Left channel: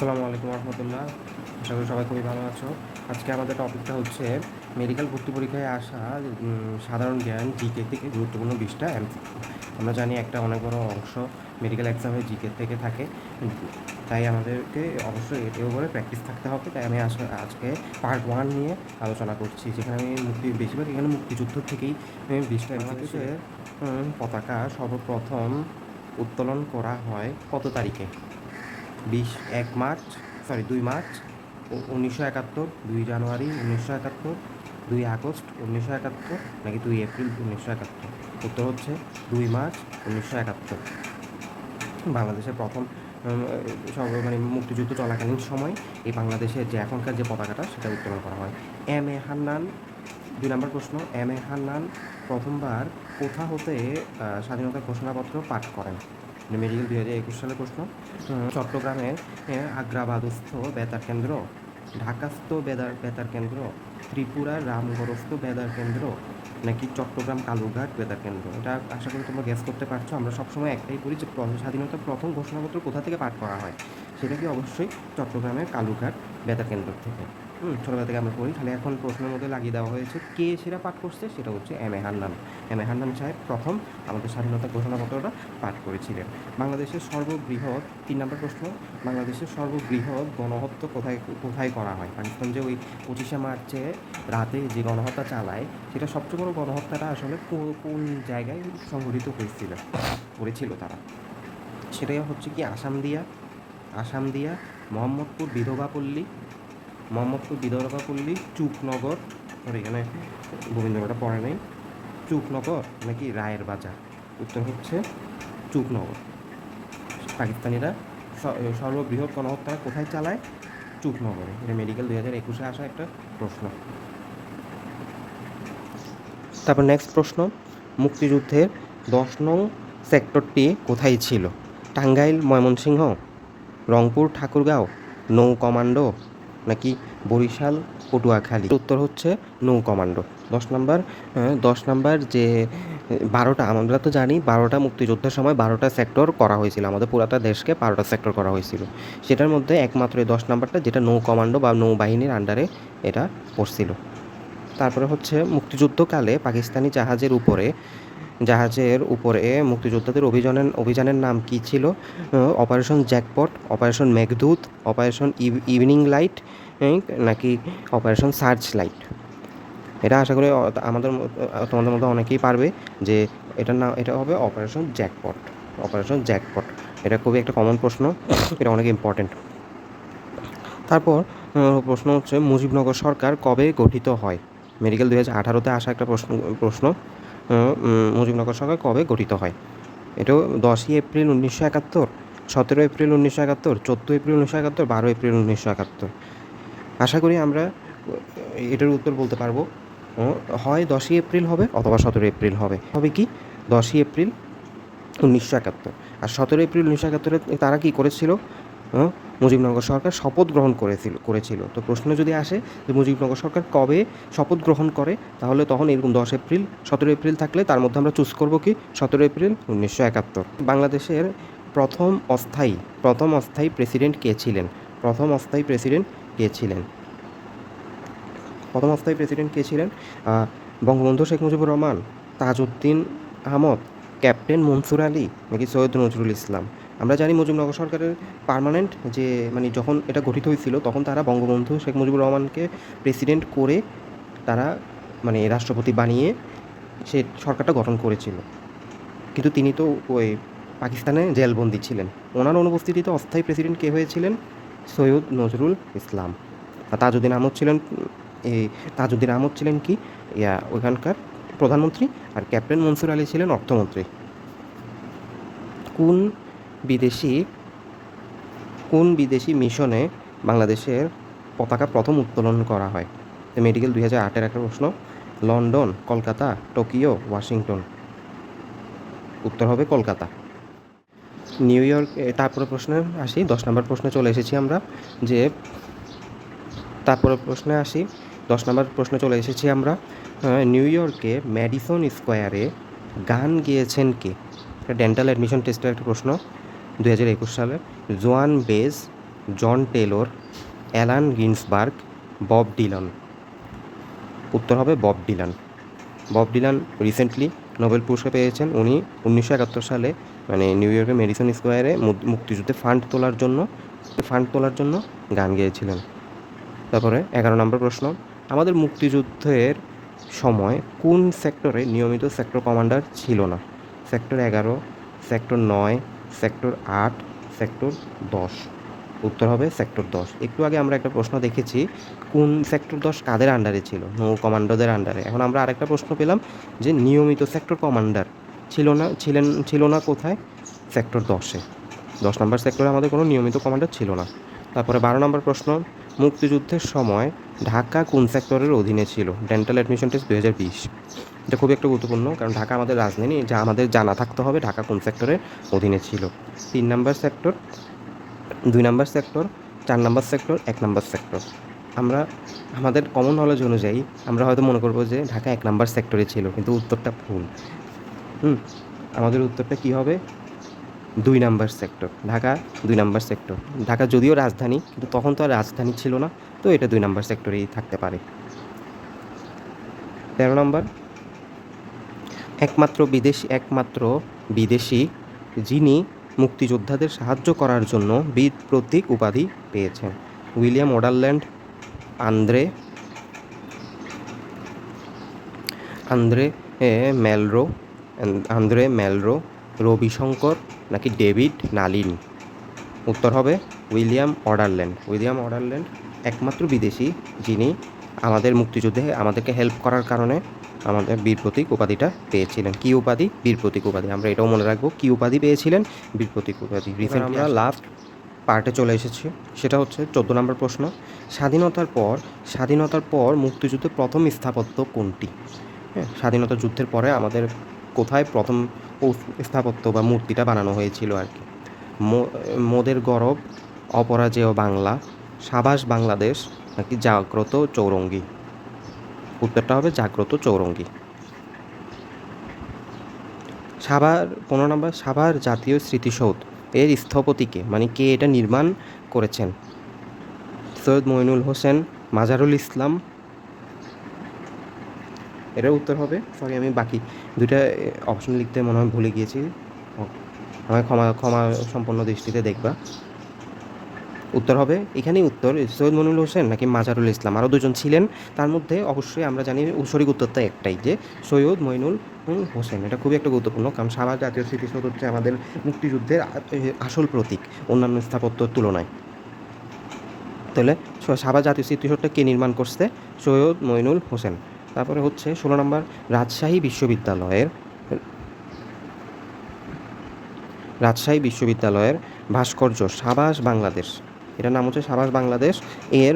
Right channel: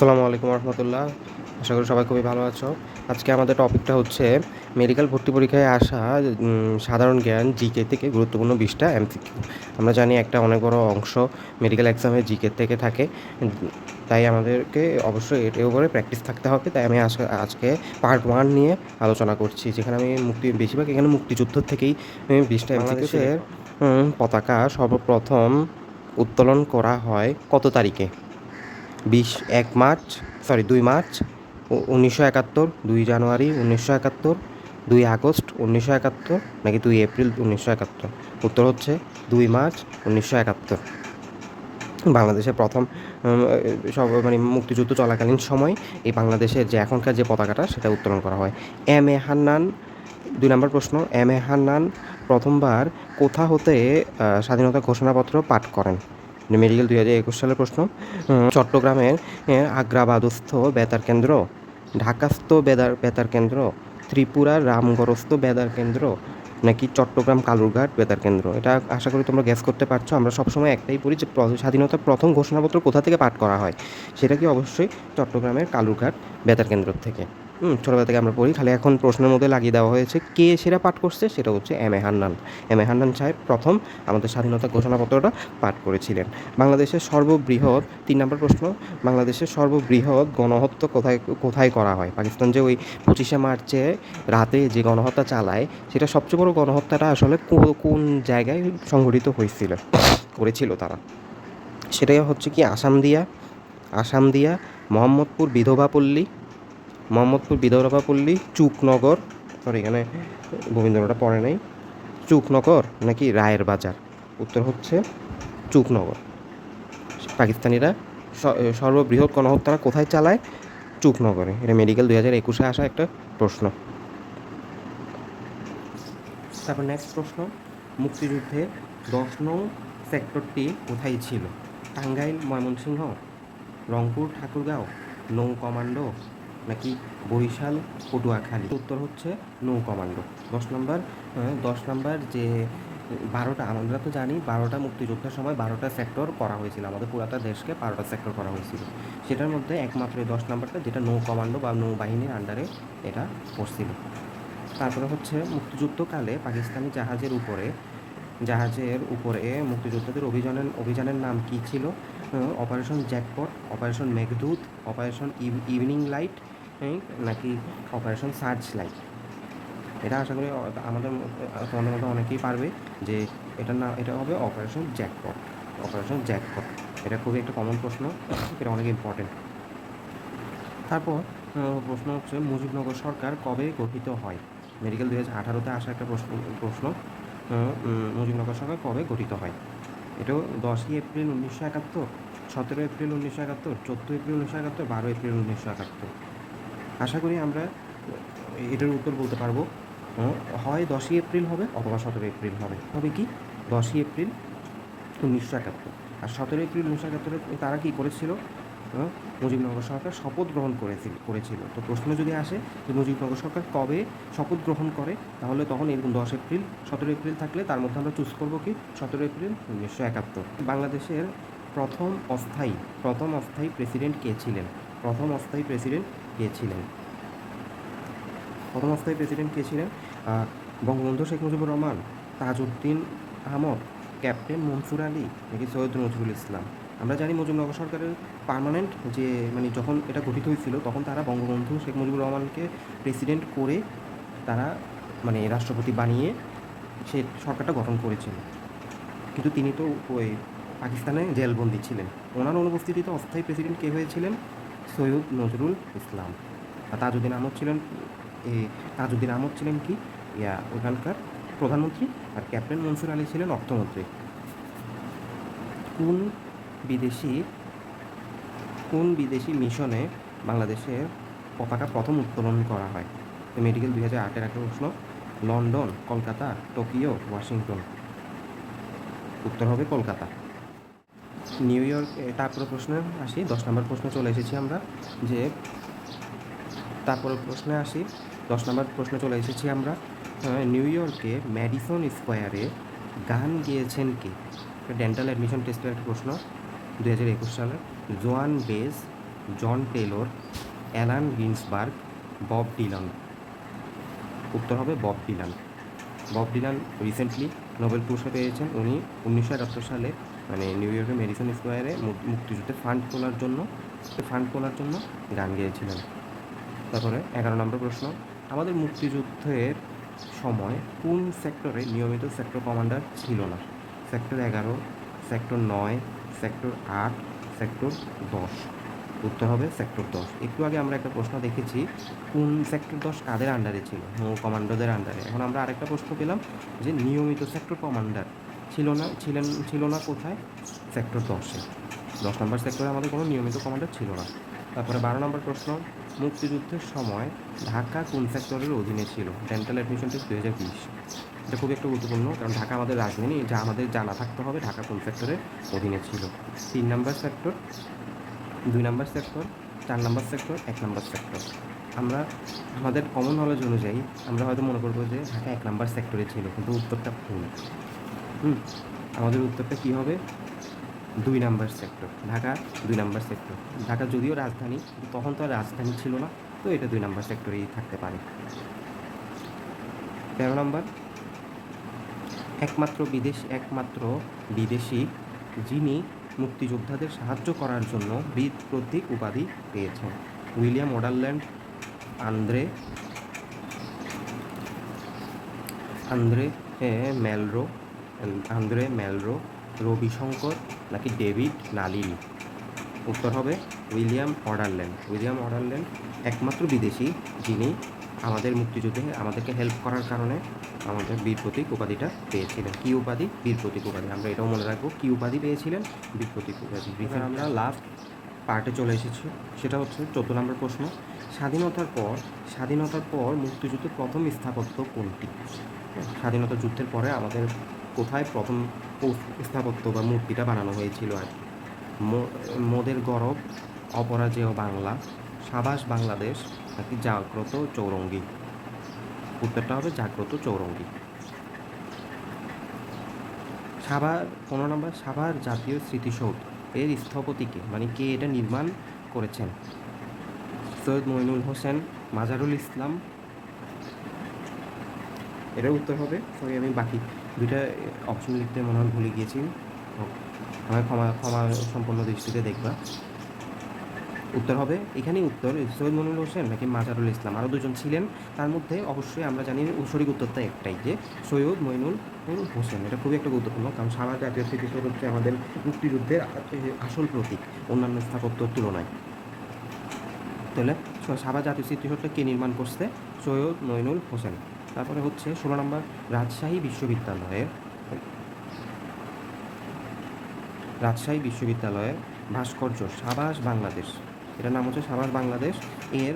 আসসালামু আলাইকুম রহমতুল্লাহ। আশা করি সবাই খুবই ভালো আছো। আজকে আমাদের টপিকটা হচ্ছে মেডিকেল ভর্তি পরীক্ষায় আসা সাধারণ জ্ঞান জিকে থেকে গুরুত্বপূর্ণ 20টা এমসিকিউ। আমরা জানি একটা অনেক বড় অংশ মেডিকেল এক্সামে জিকে থেকে থাকে। তাই আমাদেরকে অবশ্যই এর উপরে প্র্যাকটিস থাকতে হবে। তাই আমি আজকে পার্ট 1 নিয়ে আলোচনা করছি, যেখানে আমি বেশিরভাগ এখানে মুক্তিযুদ্ধ থেকেই 20টা এমসিকিউ। বাংলাদেশের পতাকা সর্বপ্রথম উত্তোলন করা হয় কত তারিখে? 2 মার্চ 1971, 2 জানুয়ারি 1971, 2 আগস্ট 1971, নাকি 2 এপ্রিল 1971? উত্তর হচ্ছে 2 মার্চ 1971। বাংলাদেশের প্রথম সব মানে মুক্তিযুদ্ধ চলাকালীন সময় এই বাংলাদেশের যে এখনকার যে পতাকাটা সেটা উত্তোলন করা হয়। এম এ হান্নান, 2 নম্বর প্রশ্ন, এম এ হান্নান প্রথমবার কোথা হতে স্বাধীনতা ঘোষণাপত্র পাঠ করেন? মেডিকেল 2021 সালের প্রশ্ন। চট্টগ্রামের আগ্রাবাদস্থ বেতার কেন্দ্র, ঢাকাস্থ বেতার কেন্দ্র, ত্রিপুরার রামগড়স্থ বেতার কেন্দ্র, নাকি চট্টগ্রাম কালুরঘাট বেতার কেন্দ্র? এটা আশা করি তোমরা গ্যাস করতে পারছো। আমরা সবসময় একটাই পড়ি যে স্বাধীনতার প্রথম ঘোষণাপত্র কোথা থেকে পাঠ করা হয়, সেটা কি অবশ্যই চট্টগ্রামের কালুরঘাট বেতার কেন্দ্র থেকে। ছোটোবেলা থেকে আমরা পড়ি, খালি এখন প্রশ্নের মধ্যে লাগিয়ে দেওয়া হয়েছে কে সেটা পাঠ করছে, সেটা হচ্ছে M A Hannan. M A Hannan সাহেব প্রথম আমাদের স্বাধীনতা ঘোষণাপত্রটা পাঠ করেছিলেন। বাংলাদেশের সর্ববৃহৎ, 3 নম্বর প্রশ্ন, বাংলাদেশের সর্ববৃহৎ গণহত্যা কোথায় কোথায় করা হয়? পাকিস্তান যে ওই 25শে মার্চে রাতে যে গণহত্যা চালায়, সেটা সবচেয়ে বড় গণহত্যাটা আসলে কোন জায়গায় সংঘটিত করেছিল তারা? সেটাই হচ্ছে কি আসাম দিয়া, মোহাম্মদপুর বিধবাপল্লী, চুকনগর, সরি এখানে রবীন্দ্রটা পড়ে নাই, চুকনগর নাকি রায়ের বাজার? উত্তর হচ্ছে চুকনগর। পাকিস্তানিরা সর্ববৃহৎ গণহত্যা কোথায় চালায়? চুকনগরে। এটা মেডিকেল 2021-এ আসা একটা প্রশ্ন। তারপর নেক্সট প্রশ্ন, মুক্তিযুদ্ধের 10 নং সেক্টরটি কোথায় ছিল? টাঙ্গাইল, ময়মনসিংহ, রংপুর, ঠাকুরগাঁও, নৌ কমান্ডো, নাকি বরিশাল, পটুয়াখালী? উত্তর হচ্ছে নৌ কমান্ডো। 10 নাম্বার যে 12টা, আমরা তো জানি 12টা মুক্তিযুদ্ধের সময় 12টা সেক্টর করা হয়েছিল, আমাদের পুরাটা দেশকে 12টা সেক্টর করা হয়েছিল। সেটার মধ্যে একমাত্র এই 10 নাম্বারটা, যেটা নৌ কমান্ডো বা নৌবাহিনীর আন্ডারে এটা পড়ছিল। তারপরে হচ্ছে মুক্তিযুদ্ধকালে পাকিস্তানি জাহাজের উপরে মুক্তিযোদ্ধাদের অভিযানের নাম কী ছিল? Operation jackpot, operation Meghdoot, operation evening light, নাকি অপারেশন সার্চ লাইট? এটা আশা করি তোমাদের মধ্যে অনেকেই পারবে যে এটা হবে অপারেশন জ্যাকপট। এটা খুবই একটা কমন প্রশ্ন, এটা অনেক ইম্পর্টেন্ট। তারপর প্রশ্ন হচ্ছে মুজিবনগর সরকার কবে গঠিত হয়? মেডিকেল 2018-তে আসা একটা প্রশ্ন। মুজিবনগর সরকার কবে গঠিত হয়? এটাও 10ই এপ্রিল 1971, 17 এপ্রিল 1971, 14 এপ্রিল 1971, 12 এপ্রিল 1971। আশা করি আমরা এটার উত্তর বলতে পারবো। হয় 10ই এপ্রিল হবে অথবা 17 এপ্রিল হবে। হবে কি 10ই এপ্রিল 1971। আর 17 এপ্রিল 1971-এ তারা কি করেছিল? মুজিবনগর সরকার শপথ গ্রহণ করেছিল। তো প্রশ্ন যদি আসে যে মুজিবনগর সরকার কবে শপথ গ্রহণ করে, তাহলে তখন এরকম 10 এপ্রিল, 17 এপ্রিল থাকলে তার মধ্যে আমরা চুজ করবো কি 17 এপ্রিল 1971। বাংলাদেশের প্রথম অস্থায়ী প্রেসিডেন্ট কে ছিলেন? প্রথম অস্থায়ী প্রেসিডেন্ট কে ছিলেন? বঙ্গবন্ধু শেখ মুজিবুর রহমান, তাজউদ্দিন আহমদ, ক্যাপ্টেন মনসুর আলী, নাকি সৈয়দ নজরুল ইসলাম? আমরা জানি মুজিবনগর সরকারের পার্মানেন্ট যে যখন এটা গঠিত হয়েছিল, তখন তারা বঙ্গবন্ধু শেখ মুজিবুর রহমানকে প্রেসিডেন্ট করে তারা রাষ্ট্রপতি বানিয়ে সে সরকারটা গঠন করেছিল। কিন্তু তিনি তো ওই পাকিস্তানে জেলবন্দি ছিলেন। ওনার অনুপস্থিতিতে অস্থায়ী প্রেসিডেন্ট কে হয়েছিলেন? সৈয়দ নজরুল ইসলাম। আর তাজউদ্দিন আহমদ ছিলেন কি ওইখানকার প্রধানমন্ত্রী, আর ক্যাপ্টেন মনসুর আলী ছিলেন অর্থমন্ত্রী। কোন বিদেশি মিশনে বাংলাদেশের পতাকা প্রথম উত্তোলন করা হয়? মেডিকেল 2008-এর একটা প্রশ্ন। London, Kolkata, Tokyo, Washington? উত্তর হবে কলকাতা। New York. তারপরে প্রশ্নে আসি, 10 নম্বর প্রশ্নে চলে এসেছি আমরা। যে তারপরে প্রশ্নে আসি 10 নম্বর প্রশ্নে চলে এসেছি আমরা। নিউ ইয়র্কে ম্যাডিসন স্কোয়ারে গান গেয়েছেন কে? ডেন্টাল অ্যাডমিশন টেস্টের একটা প্রশ্ন 2021 সালে। Joan Baez, John Taylor, Allen Ginsberg, Bob Dylan. উত্তর হবে Bob Dylan. Bob Dylan recently Nobel পুরস্কার পেয়েছেন। উনি 1971 সালে মানে নিউ ইয়র্কের মেডিসন স্কোয়ারে মুক্তিযুদ্ধে ফান্ড তোলার জন্য গান গেয়েছিলেন। তারপরে 11 নম্বর প্রশ্ন, আমাদের মুক্তিযুদ্ধের সময় কোন সেক্টরে নিয়মিত সেক্টর কমান্ডার ছিল না? Sector 11, sector 9, sector 8, sector 10। উত্তর হবে সেক্টর 10। একটু আগে আমরা একটা প্রশ্ন দেখেছি কোন সেক্টর 10 কাদের আন্ডারে ছিল? নৌ কমান্ডোদের আন্ডারে। এখন আমরা আরেকটা প্রশ্ন পেলাম যে নিয়মিত সেক্টর কমান্ডার ছিল না কোথায়? সেক্টর 10-এ। 10 নম্বর সেক্টরে আমাদের কোনো নিয়মিত কমান্ডার ছিল না। তারপরে 12 নম্বর প্রশ্ন, মুক্তিযুদ্ধের সময় ঢাকা কোন সেক্টরের অধীনে ছিল? Dental admission test 2020। এটা খুবই একটা গুরুত্বপূর্ণ, কারণ ঢাকা আমাদের রাজধানী, যা আমাদের জানা থাকতে হবে ঢাকা কোন সেক্টরের অধীনে ছিল। 3 নম্বর সেক্টর, 2 নম্বর সেক্টর, 4 নম্বর সেক্টর, 1 নম্বর সেক্টর। আমরা আমাদের কমন নলেজ অনুযায়ী আমরা হয়তো মনে করবো যে ঢাকা 1 নম্বর সেক্টরে ছিল, কিন্তু উত্তরটা ভুল। আমাদের উত্তরটা কী হবে? 2 নম্বর সেক্টর। ঢাকা 2 নম্বর সেক্টর। ঢাকা যদিও রাজধানী, কিন্তু তখন তো আর রাজধানী ছিল না, তো এটা 2 নম্বর সেক্টরেই থাকতে পারে। 13 নম্বর, একমাত্র বিদেশি যিনি মুক্তিযোদ্ধাদের সাহায্য করার জন্য বীর প্রতীক উপাধি পেয়েছেন? William Ouderland, Andre Andre Malraux Andre Malraux, Ravishankar, নাকি ডেভিড নালিন? উত্তর হবে উইলিয়াম ওডারল্যান্ড একমাত্র বিদেশি যিনি আমাদের মুক্তিযুদ্ধে আমাদেরকে হেল্প করার কারণে আমাদের বীর প্রতীক উপাধিটা পেয়েছিলেন। কী উপাধি? বীর প্রতীক উপাধি। আমরা এটাও মনে রাখবো, কী উপাধি পেয়েছিলেন? বীর প্রতীক উপাধি। রিসেন্টলি আমরা লাস্ট পার্টে চলে এসেছি, সেটা হচ্ছে 14 নম্বর প্রশ্ন, স্বাধীনতার পর মুক্তিযুদ্ধের প্রথম স্থাপত্য কোনটি? হ্যাঁ, স্বাধীনতা যুদ্ধের পরে আমাদের কোথায় প্রথম স্থাপত্য বা মূর্তিটা বানানো হয়েছিল আর কি? মোদের গরব, অপরাজেয় বাংলা, সাবাস বাংলাদেশ, নাকি জাগ্রত চৌরঙ্গী? উত্তরটা হবে জাগ্রত চৌরঙ্গী। 15 নম্বর, সাভার জাতীয় স্মৃতিসৌধ এর স্থপতিকে, মানে কে এটা নির্মাণ করেছেন? সৈয়দ মঈনুল হোসেন, মাজারুল ইসলাম। এটার উত্তর হবে, সরি আমি বাকি দুইটা অপশন লিখতে মনে হয় ভুলে গিয়েছি, আমায় ক্ষমা সম্পন্ন দৃষ্টিতে দেখবা। উত্তর হবে এখানেই উত্তর, সৈয়দ মঈনুল হোসেন নাকি মাজারুল ইসলাম। আরও দুজন ছিলেন, তার মধ্যে অবশ্যই আমরা জানি সঠিক উত্তরটা একটাই, যে সৈয়দ মঈনুল হোসেন। এটা খুবই একটা গুরুত্বপূর্ণ, কারণ সাভার জাতীয় স্মৃতিসৌধ হচ্ছে আমাদের মুক্তিযুদ্ধের আসল প্রতীক অন্যান্য স্থাপত্যর তুলনায়। তাহলে সাভার জাতীয় স্মৃতিসৌধটা কে নির্মাণ করছে? সৈয়দ মঈনুল হোসেন। তারপরে হচ্ছে 16 নম্বর, রাজশাহী বিশ্ববিদ্যালয়ের ভাস্কর্য সাবাস বাংলাদেশ, এটার নাম হচ্ছে সাবাস বাংলাদেশ, এর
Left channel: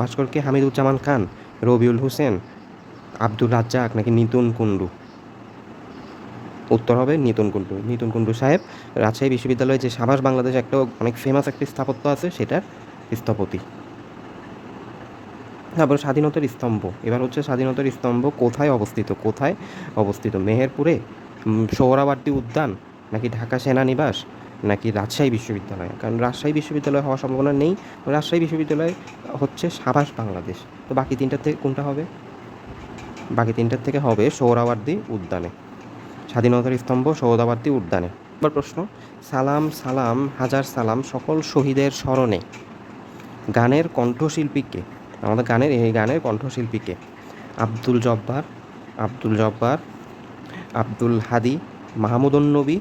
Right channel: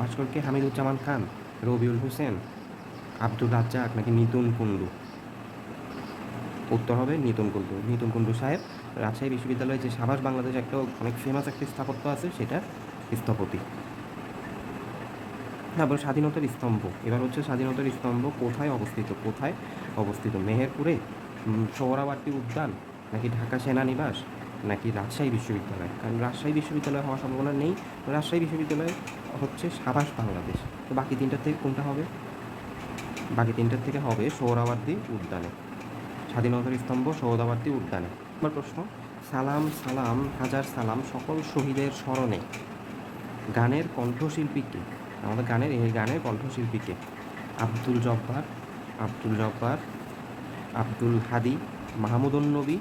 ভাস্করকে হামিদুজ্জামান খান, রবিউল হোসেন, আব্দুল রাজ্জাক, নাকি নিতুন কুণ্ডু? উত্তর হবে নিতুন কুণ্ডু সাহেব রাজশাহী বিশ্ববিদ্যালয়ে যে সাবাস বাংলাদেশ একটা অনেক ফেমাস একটি স্থাপত্য আছে, সেটার স্থপতি। তারপর স্বাধীনতার স্তম্ভ, এবার হচ্ছে স্বাধীনতার স্তম্ভ কোথায় অবস্থিত? মেহেরপুরে, সোহরাওয়ার্দী উদ্যান, নাকি ঢাকা সেনানিবাস, নাকি রাজশাহী বিশ্ববিদ্যালয়? কারণ রাজশাহী বিশ্ববিদ্যালয় হওয়ার সম্ভাবনা নেই, রাজশাহী বিশ্ববিদ্যালয় হচ্ছে সাবাস বাংলাদেশ। তো বাকি তিনটার থেকে কোনটা হবে? বাকি তিনটার থেকে হবে সোহরাওয়ার্দী উদ্যানে। স্বাধীনতার স্তম্ভ সোহরাওয়ার্দী উদ্যানে। এবার প্রশ্ন, সালাম সালাম হাজার সালাম সকল শহীদের স্মরণে গানের কণ্ঠশিল্পীকে, আমাদের এই গানের কণ্ঠশিল্পীকে? আব্দুল জব্বার, আব্দুল হাদি, মাহমুদুন নবী,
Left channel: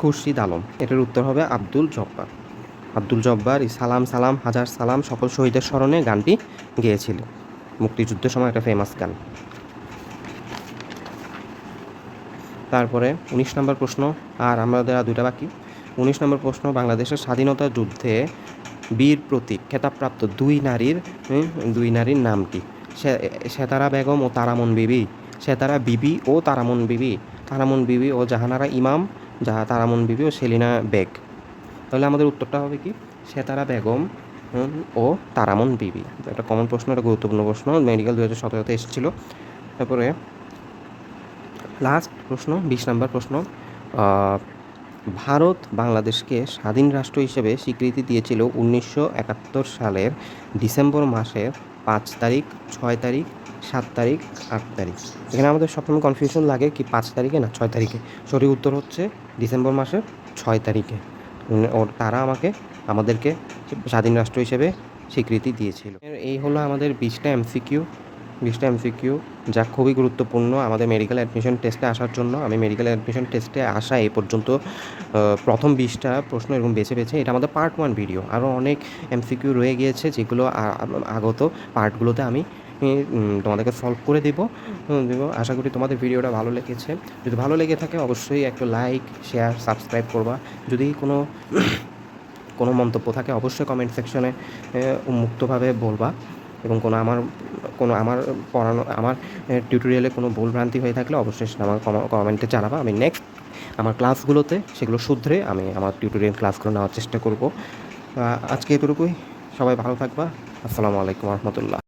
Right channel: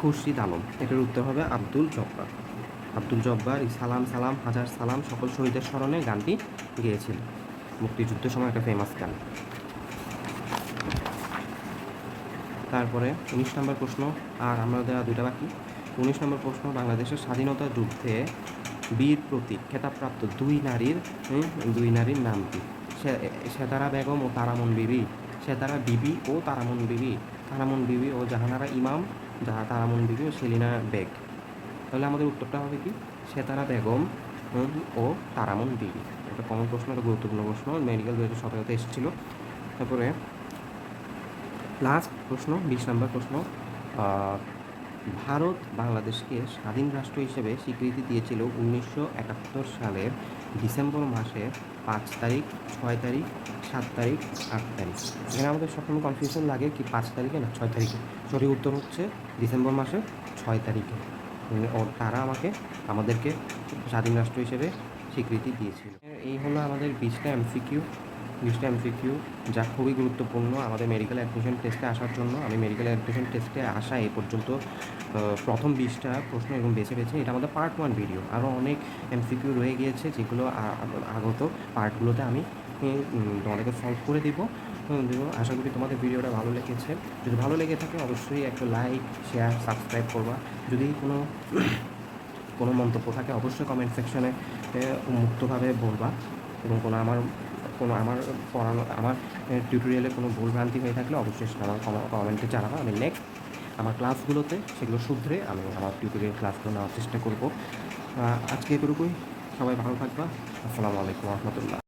খুরশিদ আলম। এটার উত্তর হবে আব্দুল জব্বার এই সালাম সালাম হাজার সালাম সকল শহীদের স্মরণে গানটি গেয়েছিলেন, মুক্তিযুদ্ধের সময় একটা ফেমাস গান। তারপরে 19 নম্বর প্রশ্ন, আর আমাদের দুইটা বাকি। 19 নম্বর প্রশ্ন, বাংলাদেশের স্বাধীনতা যুদ্ধে বীর প্রতীক খেতাবপ্রাপ্ত দুই নারীর নাম কি? সেতারা বেগম ও তারামন বিবি, সেতারা বিবি ও তারামন বিবি ও জাহানারা ইমাম, তারামন বিবি ও সেলিনা বেগ। তাহলে আমাদের উত্তরটা হবে কি? সেতারা বেগম ও তারামন বিবি। একটা কমন প্রশ্ন, একটা গুরুত্বপূর্ণ প্রশ্ন, মেডিকেল 2017-তে এসেছিল। তারপরে লাস্ট প্রশ্ন, 20 নম্বর প্রশ্ন, ভারত বাংলাদেশকে স্বাধীন রাষ্ট্র হিসেবে স্বীকৃতি দিয়েছিল 1971 সালের ডিসেম্বর মাসের 5 তারিখ, 6 তারিখ, 7 তারিখ, 8 তারিখ। এখানে আমাদের সবসময় কনফিউশন লাগে কি 5 তারিখে না 6 তারিখে। সঠিক উত্তর হচ্ছে ডিসেম্বর মাসের 6 তারিখে। তারা আমাদেরকে স্বাধীন রাষ্ট্র হিসেবে স্বীকৃতি দিয়েছিল। এই হলো আমাদের 20টা এমসিকিউ, যা খুবই গুরুত্বপূর্ণ আমাদের মেডিকেল অ্যাডমিশন টেস্টে আসার জন্য। আমি মেডিকেল অ্যাডমিশন টেস্টে আসা এই পর্যন্ত প্রথম 20টা প্রশ্ন এরকম বেছে এটা আমাদের পার্ট 1 ভিডিও। আরও অনেক এমসিকিউ রয়ে গিয়েছে যেগুলো আগত পার্টগুলোতে আমি তোমাদেরকে সলভ করে দেবো। আশা করি তোমাদের ভিডিওটা ভালো লেগেছে। যদি ভালো লেগে থাকে অবশ্যই একটা লাইক, শেয়ার, সাবস্ক্রাইব করবা। যদি কোনো মন্তব্য থাকে অবশ্যই কমেন্ট সেকশনে মুক্তভাবে বলবা, এবং আমার পড়ানো আমার টিউটোরিয়ালে কোনো ভুলভ্রান্তি হয়ে থাকলে অবশ্যই সেটা আমার কমেন্টে জানাবা। আমি নেক্সট আমার ক্লাসগুলোতে সেগুলো শুধরে আমি আমার টিউটোরিয়াল ক্লাসগুলো নেওয়ার চেষ্টা করব। আজকে এতটুকুই। সবাই ভালো থাকবা। আসসালামু আলাইকুম রহমতুল্লাহ।